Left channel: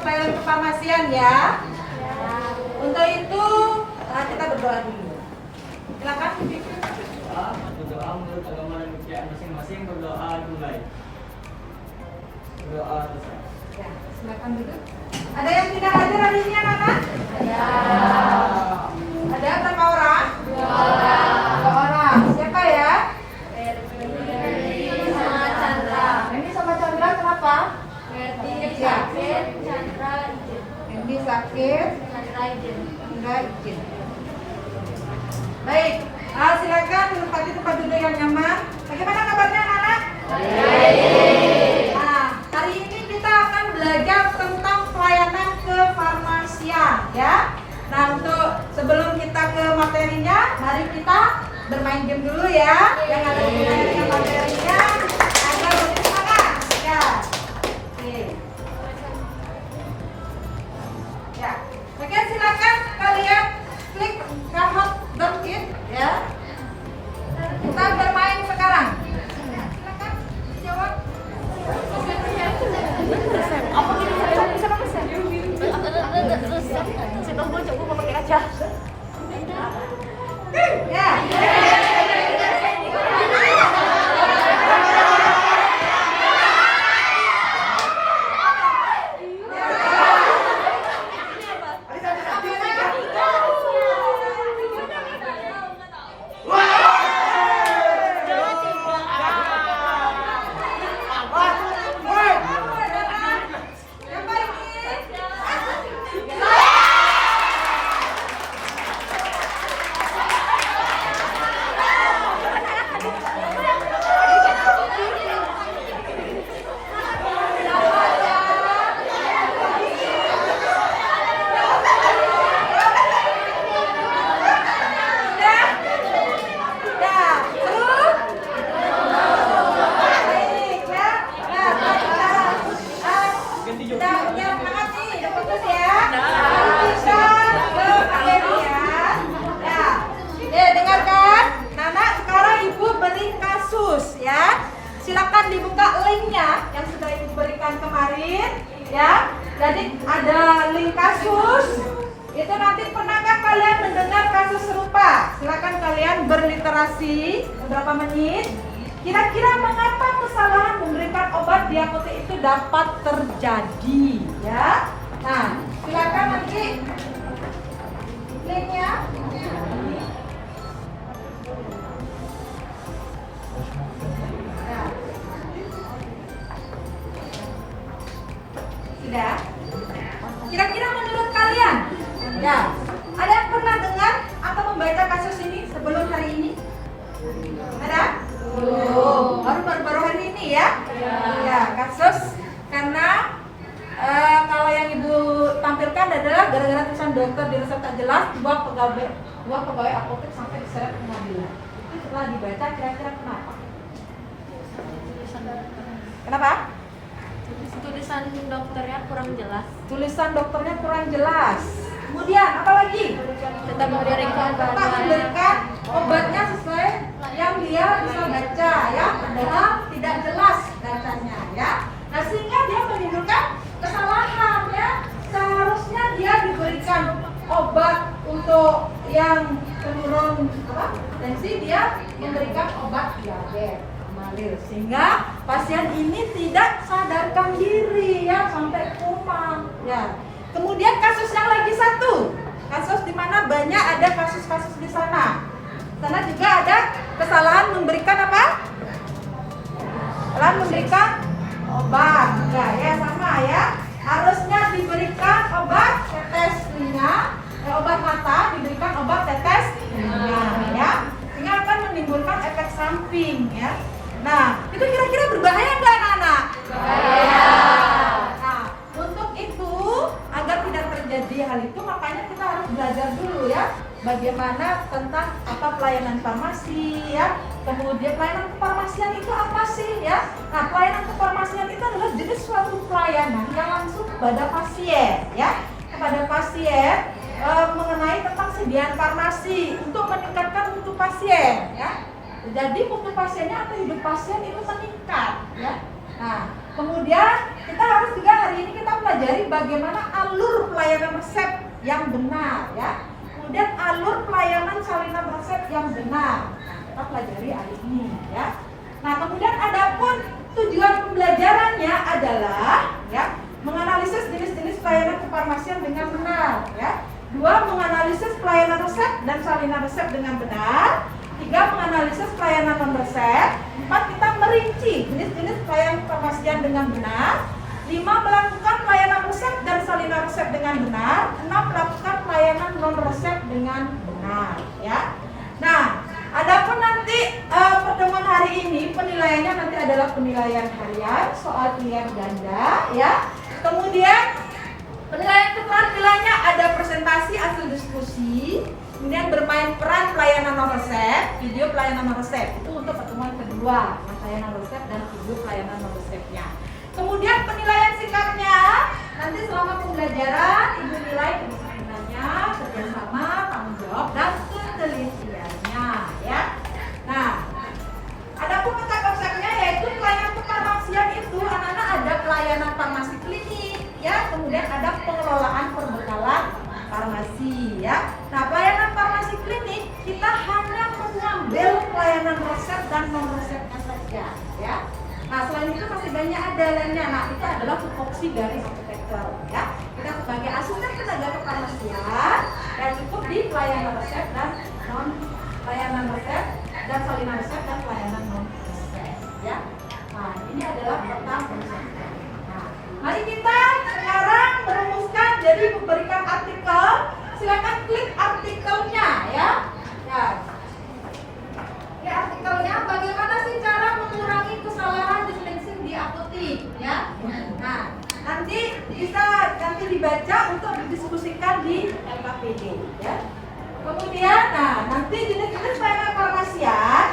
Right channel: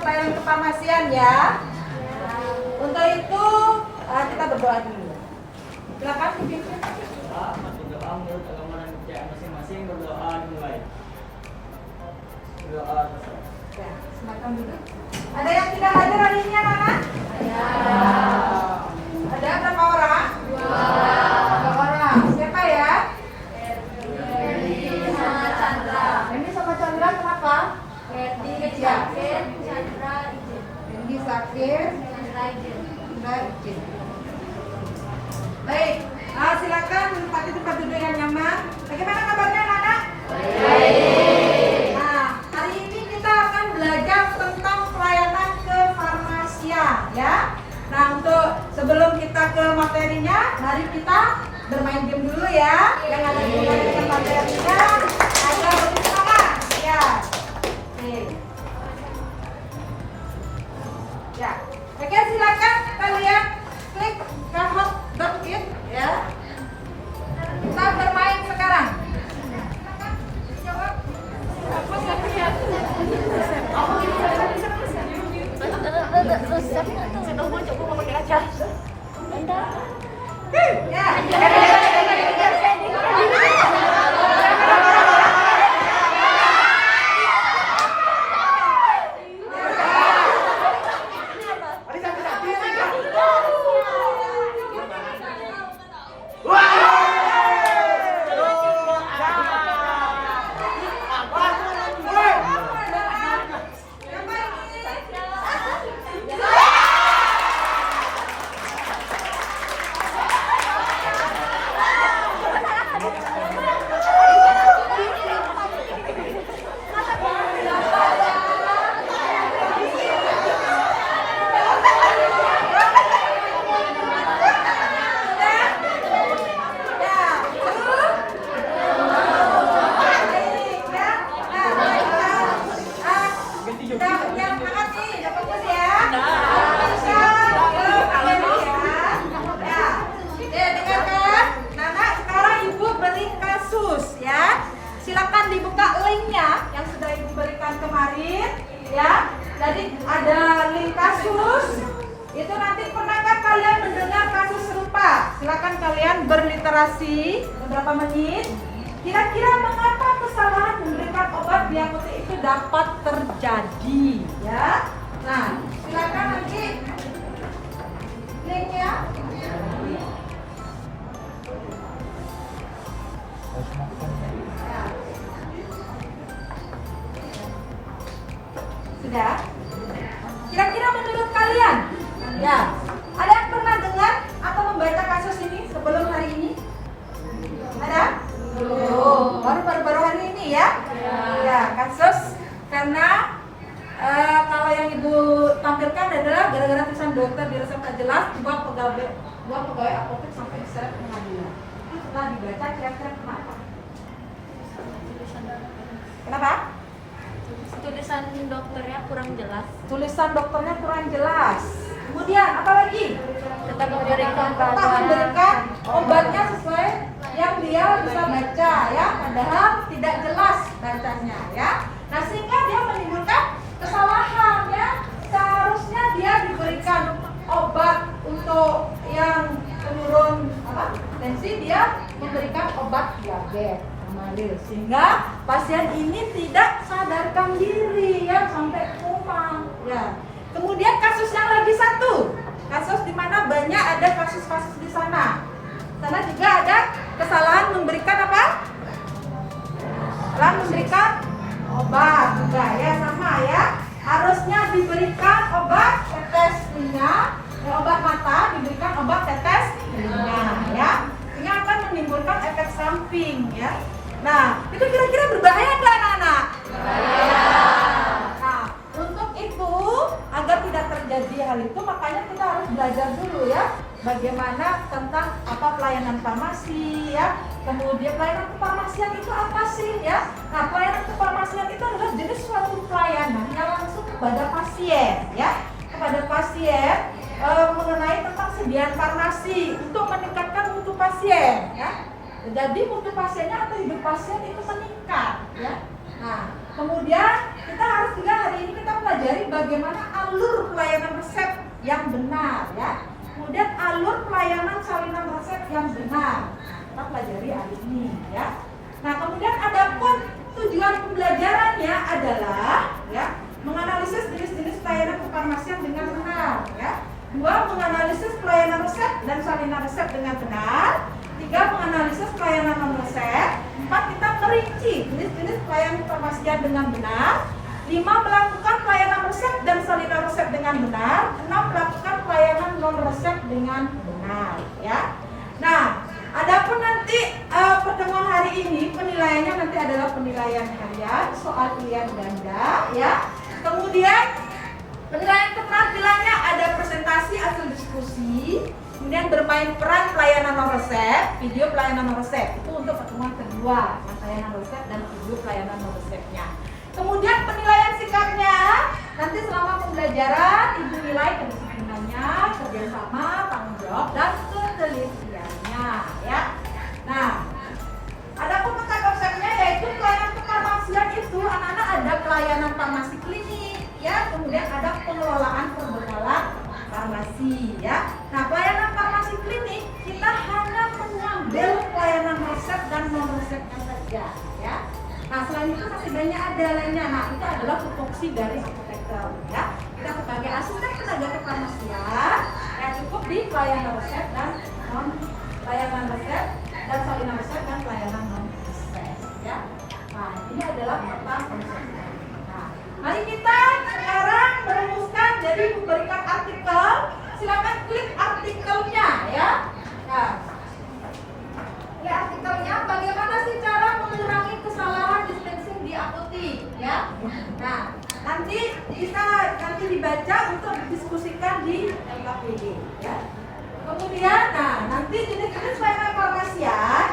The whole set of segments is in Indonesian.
pelayanan kefarmasian ya. Untuk itu kita berdoa dulu. Silakan pimpin. Berdoa menurut agama dan kepercayaan masing-masing. Berdoa mulai. Berdoa selesai. Ya, silakan dulu. Ada yang tidak hadir hari ini anak-anak? Ada berapa orang? 2 orang. Siapa ya? Ini sama Chandra kenapa? Ini sakit. Chandra izin. Baik, silakan menempati tempat duduk yang nyaman. Bagaimana kabarnya anak-anak? Nah, hari ini kita akan belajar tentang pelayanan kefarmasian ya. Nah, untuk sebelum kita ke materinya, mari kita bermain game dulu ya. Yang ada hubungannya dengan materinya agar lebih semangat ya. Oke. Ya, oke, silakan kalian klik kahoot.it ya. Kita bermain sekarang. Silakan jawab. Ya. Silakan dibuka linknya yang sudah Ibu berikan kemarin ya. Jadi ada link kasus. Itu nanti pernahkah kalian mendengar kasus serupa? Silakan kalian berliterasi beberapa menit. Kira-kira mengapa kesalahan memberikan obat di apotek itu dapat terjadi ya? Nah, silakan nanti linknya. Sudah? Kira-kira menurut kalian, ya, ada yang pernah dengar atau membaca kasus ini sebelum hari ini? Ada? Belum. Baru hari ini ya? Ya, kasus karena kalau yang Ibu tampilkan adalah gara-gara tulisan dokter di resep tak jelas, dua pegawai apotek sampai diseret ke pengadilan. Itu setelah dibaca, kira-kira kenapa? Kenapa? Tulisan dokternya kurang jelas. Tulisan dokternya kurang jelas. Kemudian apa lagi? Tetap memberikan obatnya sesuai yang dia bisa baca ya, padahal tidak jelas bacanya ya. Nah, sehingga dia menimbulkan kesalahan ya. Seharusnya dia diberikan obat untuk yang penurun tensi, dia memberikan obat diabetes sehingga pasien ini tidak sadarkan diri ya sampai koma ya. Kemudian kasus yang lagi satu, kasus di mana banyak ada kasus-kasus di sana. Sana juga ada kesalahan memberikan apa? Kesalahan memberikan obat juga ya, sama ya. Harusnya diberikan obat tetes telinga, obat mata diberikan obat tetes telinga ya. Sehingga akan menimbulkan efek samping ya. Nah, itu kira-kira berbahaya nggak anak-anak? Nah, untuk itu agar tidak terjadi hal itu, makanya kita harus belajar dulu ya, bagaimana tentang apa pelayanan farmasi ya. Kemudian pelayanan kefarmasian itu apa sih ya? Nah, pelayanan kefarmasian itu adalah jenis suatu pelayanan yang langsung kepada pasien ya, kepada pasien mengenai tentang sediaan farmasi untuk meningkatkan mutu pasien ya. Jadi mutu pasiennya atau hidup pasien itu meningkat ya. Nah, kemudian kita harus juga hari ini kita pelajari bagaimana alur pelayanan resep yang benar ya. Kemudian alur pelayanan salinan resep yang benar. Nah, kita pelajari hari ini ya. Nah, kemudian adapun tujuan pembelajarannya adalah ya menganalisis jenis-jenis pelayanan kefarmasian dengan benar ya. 2. Menganalisis pelayanan resep dan salinan resep dengan benar. 3. Menganalisis pelayanan non resep. 4. Kita merinci jenis-jenis pelayanan kefarmasian dengan benar. 5. Melakukan pelayanan resep dan salinan resep dengan benar. 6. Melakukan pelayanan non resep dengan benar ya. Nah, adapun nanti pertemuan hari ini penilaiannya nanti adalah penilaian harian, soal pilihan ganda ya. Kemudian penilaian keterampilannya ada presentasi hasil diskusi, kemudian bermain peran pelayanan non resep, video pelayanan non resep. Itu untuk pertemuan kedua, pelayanan resep dan video pelayanan non resepnya. Kemudian penilaian singkatnya nanti selama pembelajaran ibu nilai kedisiplinan, kerjasama, tanggung jawab dan ketelitiannya ya. Nah, adapun peta konsepnya yaitu pelayanan kefarmasian itu anak-anak ada pelayanan farmasi klinik ya, kemudian ada pengelolaan perbekalan farmasi ya. Nah, pelayanan farmasi klinik kita hanya mengambil pelayanan resep dan non resepnya saja ya. Nah, selain itu masih banyak ada lainnya. Nah, itu adalah tupoksi dari apoteker ya. Kita sebagai asisten tenaga kefarmasian ya cukup di pelayanan resep dan non pelayanan resep dan salinan resep dan pelayanan non resep ya. Nah, ini adalah peta konsepnya. Nah, mari kita sekarang merumuskan, jadi memberikan artikel. Silakan klik artikelnya ya. Nah, ini artikelnya bagaimana sih cara mengurangi kesalahan dispensing di apotik ya. Nah, nanti bisa dibaca untuk didiskusikan di LKPD ya. Kemudian, nah nanti jenis-jenis pelayanan farmasian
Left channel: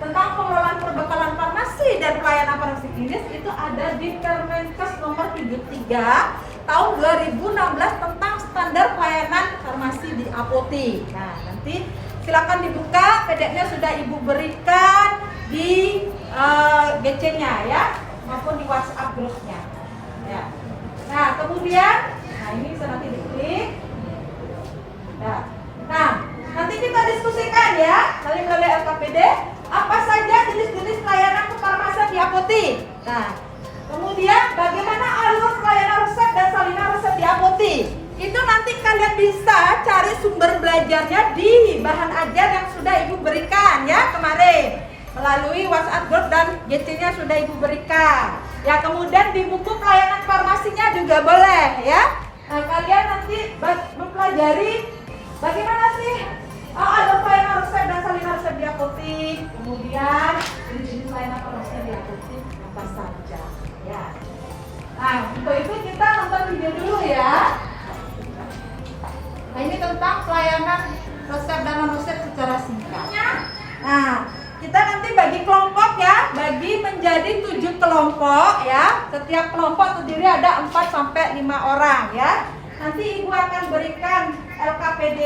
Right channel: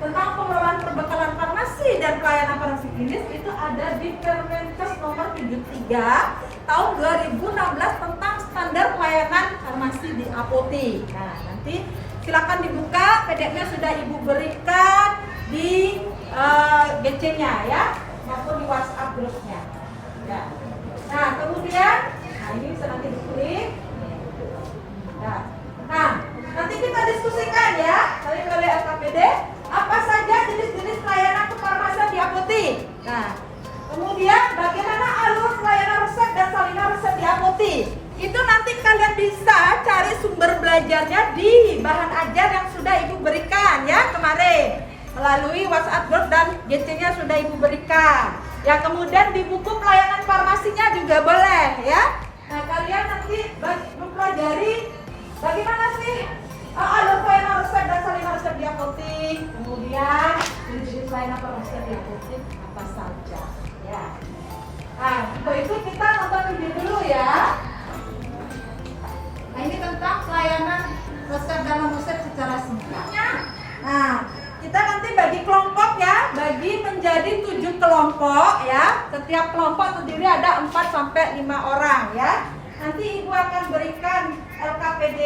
tentang pengelolaan perbekalan farmasi dan pelayanan farmasi klinis itu ada di Permenkes nomor 73 tahun 2016 tentang standar pelayanan farmasi di apotik. Nah, nanti silakan dibuka, PDF-nya sudah ibu berikan di GC-nya ya, maupun di WhatsApp grupnya. Ya. Nah, kemudian, nah ini bisa nanti diklik. Ya. Nah, nanti kita diskusikan ya, melalui LKPD, apa saja jenis-jenis pelayanan kefarmasian di apotik. Nah, kemudian bagaimana alur pelayanan resep dan salinan resep di apotik. Itu nanti kalian bisa cari sumber belajarnya di bahan ajar yang sudah ibu berikan ya kemarin. Melalui WhatsApp group dan GC-nya sudah ibu berikan. Ya, kemudian di buku pelayanan farmasinya juga boleh ya. Nah, kalian nanti mempelajari bagaimana sih alur pelayanan resep dan salinan resep di apotik. Kemudian jenis-jenis pelayanan farmasi di apotik apa saja ya. Nah, untuk itu kita nonton video dulu ya. Nah, ini tentang pelayanan resep dan non resep secara singkat. Nah, kita nanti bagi kelompok ya, bagi menjadi 7 kelompok ya. Setiap kelompok terdiri ada 4 sampai 5 orang ya. Nanti ibu akan berikan LKPD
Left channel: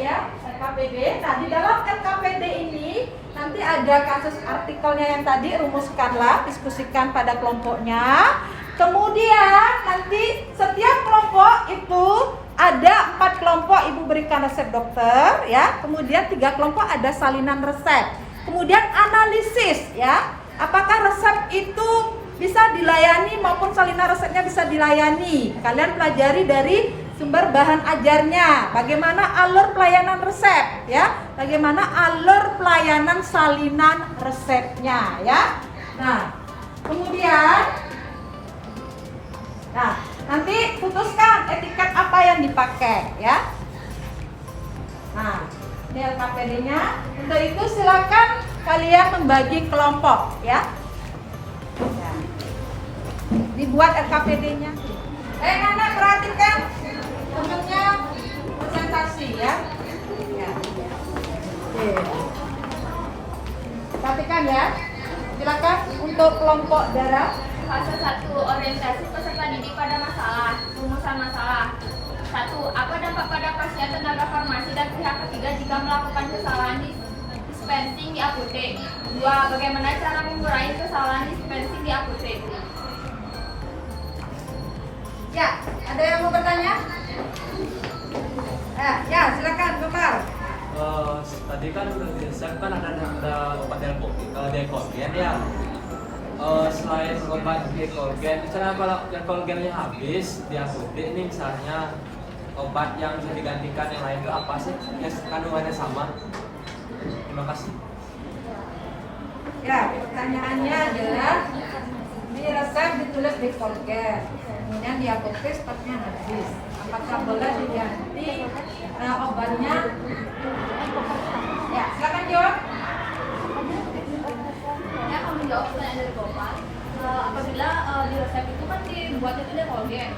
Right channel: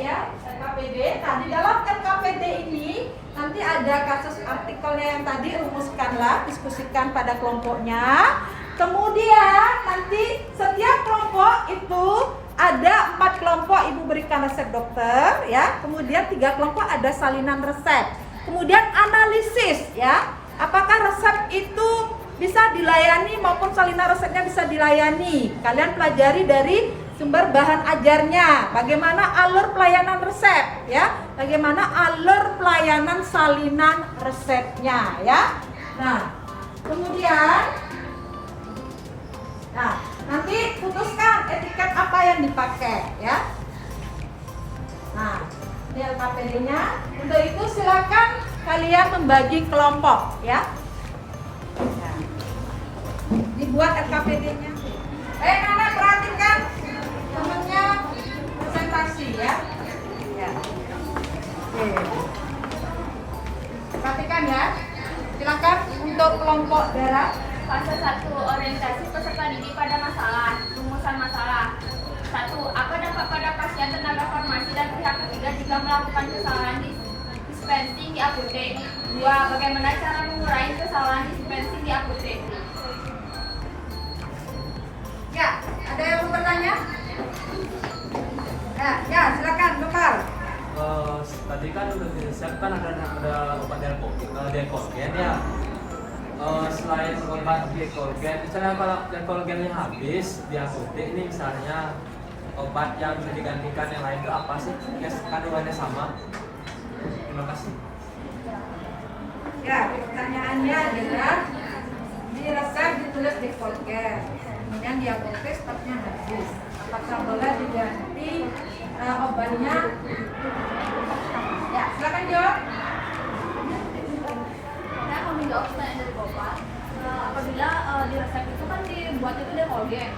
ya, LKPD. Nah, di dalam LKPD ini nanti ada kasus artikelnya yang tadi, rumuskanlah, diskusikan pada kelompoknya. Kemudian nanti setiap kelompok itu ada 4 kelompok ibu berikan resep dokter ya. Kemudian 3 kelompok ada salinan resep. Kemudian analisis ya, apakah resep itu bisa dilayani maupun salinan resepnya bisa dilayani. Kalian pelajari dari sumber bahan ajarnya, bagaimana alur pelayanan resep ya, bagaimana alur pelayanan salinan resepnya ya. Nah, kemudian nanti putuskan etiket apa yang dipakai ya. Nah, ini LKPD-nya. Untuk itu silakan kalian membagi kelompok ya. Dibuat LKPD-nya. Anak perhatikan temennya presentasi ya. Oke. Perhatikan ya. Silakan untuk kelompok darah. Fase 1, orientasi peserta didik pada masalah. Rumusan masalah. 1. Apa dampak pada pasien, tenaga farmasi, dan pihak ketiga jika melakukan kesalahan dispensing di apotek. 2. Bagaimana cara mengurangi kesalahan dispensing di apotek? Ya, ada yang mau bertanya? Ya, silakan, Bapak. Tadi kan udah disiapkan ada obat Decolgen ya. Selain obat Decolgen, misalnya kalau Decolgennya habis di apotek ini misalnya obat yang bisa digantikan yang lain itu apa sih? Ya kandungannya sama. Terima kasih. Ya, pertanyaannya adalah di resep ditulis Decolgen, kemudian di apotek stoknya habis. Apakah boleh diganti obatnya? Ya, silakan jawab. Saya akan menjawab pertanyaan dari Bapak. Apabila di resep itu kan dibuatnya itu Decolgen.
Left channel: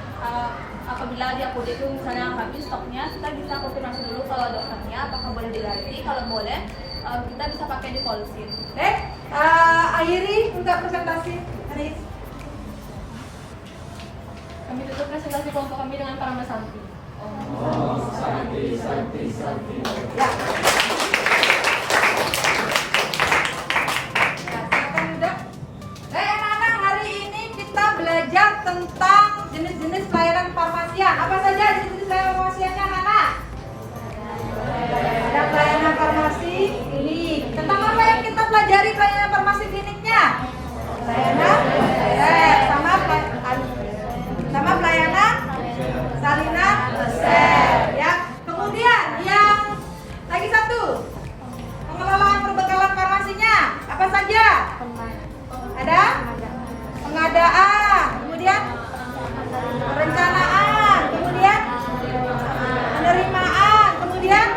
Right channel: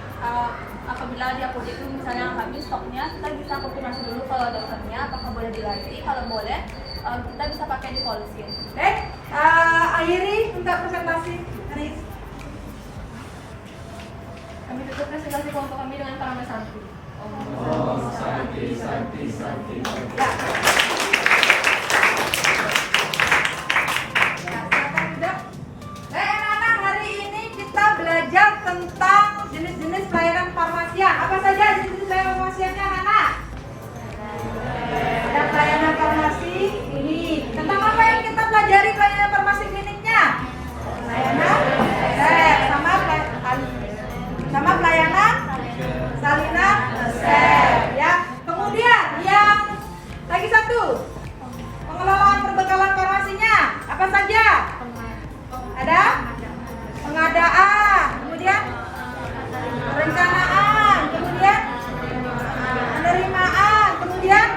Apabila di apotek itu misalnya habis stoknya, kita bisa konfirmasi dulu kalau dokternya apakah boleh diganti. Kalau boleh, kita bisa pakai Decolgen. Akhiri untuk presentasi. Anis. Kami tutup presentasi kelompok kami dengan Parama Santi. Ya. Silakan duduk. Anak-anak, hari ini kita belajar tentang jenis-jenis pelayanan farmasian. Apa saja jenis-jenis pelayanan farmasiannya, anak-anak? Ada pelayanan farmasi klinik. Tentang apa yang kita pelajari pelayanan farmasi kliniknya? Pelayanan resep sama pelayanan salinan resep ya. Kemudian yang lagi satu, pengelolaan perbekalan farmasinya apa saja? Ada pengadaan, kemudian perencanaan, kemudian penerimaan, kemudian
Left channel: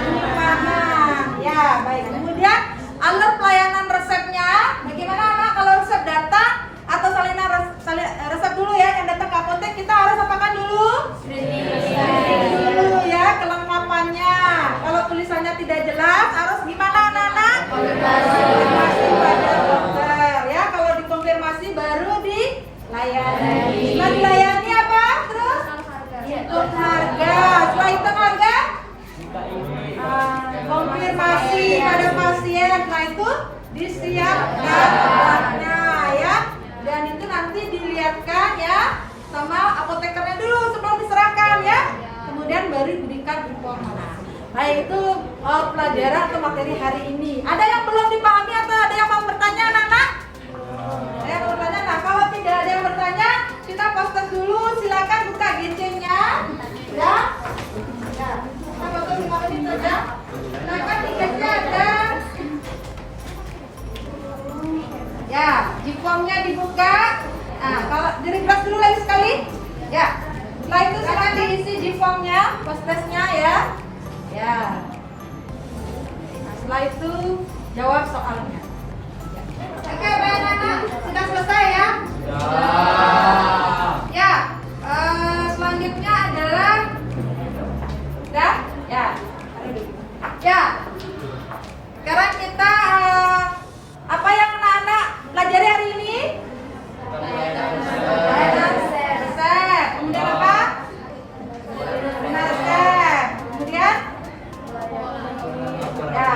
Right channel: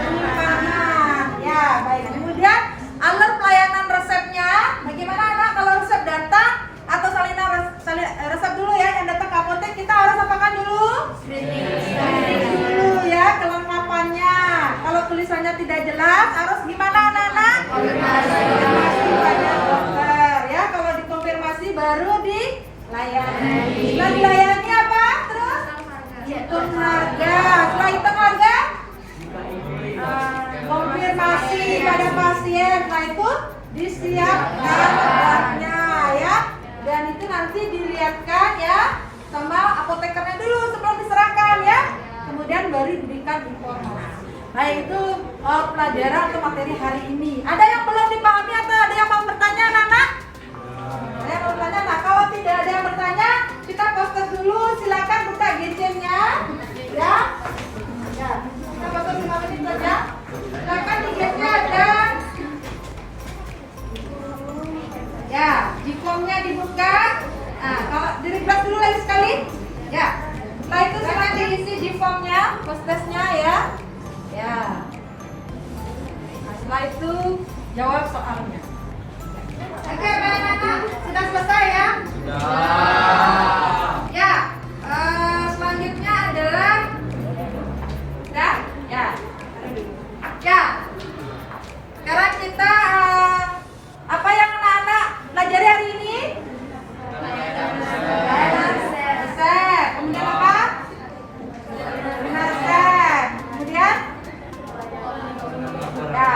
penyimpanan. Ya, baik. Kemudian alur pelayanan resepnya, bagaimana anak kalau resep datang atau salinan resep dulu ya, yang datang ke apotek kita harus apakan dulu? Screening dulu ya, kelengkapannya. Kalau tulisannya tidak jelas, harus gimana anak-anak? Konfirmasi pada dokter ya. Kalau dikonfirmasi baru dilayani. Setelah dilayani apa? Terus hitung harga. Setelah hitung harga, konfirmasi pada pasien. Setelah itu disiapkan obatnya ya. Dan itu nanti dilihatkan ya sama apotekernya dulu sebelum diserahkan ya. Kemudian baru diberikan informasi. Nah itu pelajaran atau materi hari ini. Ada yang belum dipahami atau ada yang mau bertanya anak-anak? Ada yang mau bertanya? Nah kalau tidak ada yang bertanya, kita proses dulu. Silakan buka gadgetnya ya. Kita foto 5 menit saja. Silakan di gadgetnya ada. Ya, G-formnya dibuka. Nah, kalau di-refresh dulu lagi sekali. Ya. Setelah itu silakan diisi G-formnya, postesnya ya. Ya. Nah, setelah itu jawab soalnya. Oke, anak-anak sudah selesai ya? Ya. Selanjutnya adalah ya. Sekarang kita apa yang anak-anak pelajari hari ini? Resep. Kemudian apa? Resep. Kemudian ya,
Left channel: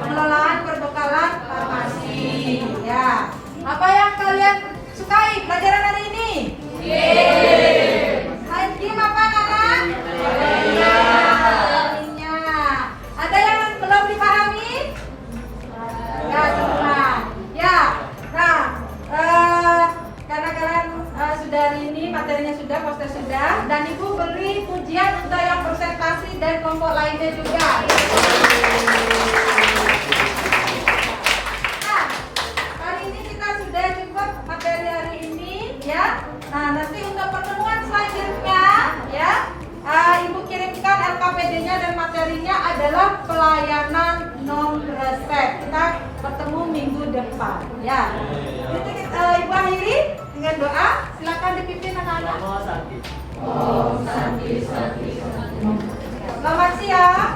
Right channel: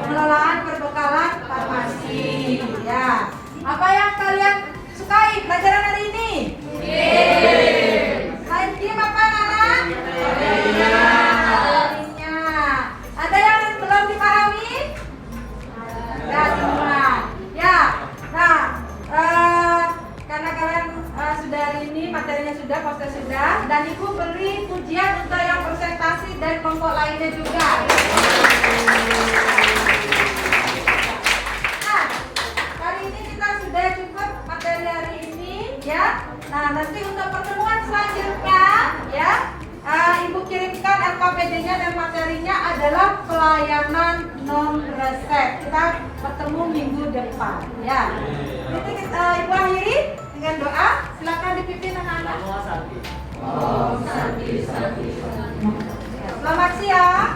pengelolaan perbekalan farmasi. Ya. Apa yang kalian sukai pelajaran hari ini? Selain game apa anak-anak? Materinya. Ada yang belum dipahami? Ya, semua. Ya. Nah, karena kalian sudah hari ini materinya sudah, poster sudah, dan Ibu beri pujian untuk yang presentasi dan kelompok lainnya juga. Nah, hari ini kita sudah cukup materi hari ini, ya. Nah, nanti untuk pertemuan selanjutnya, ya, Ibu kirimkan LKPD-nya dan materinya adalah pelayanan non resep. Kita bertemu minggu depan, ya. Ini Ibu akhiri dengan doa. Silakan dipimpin anak-anak. Selamat siang.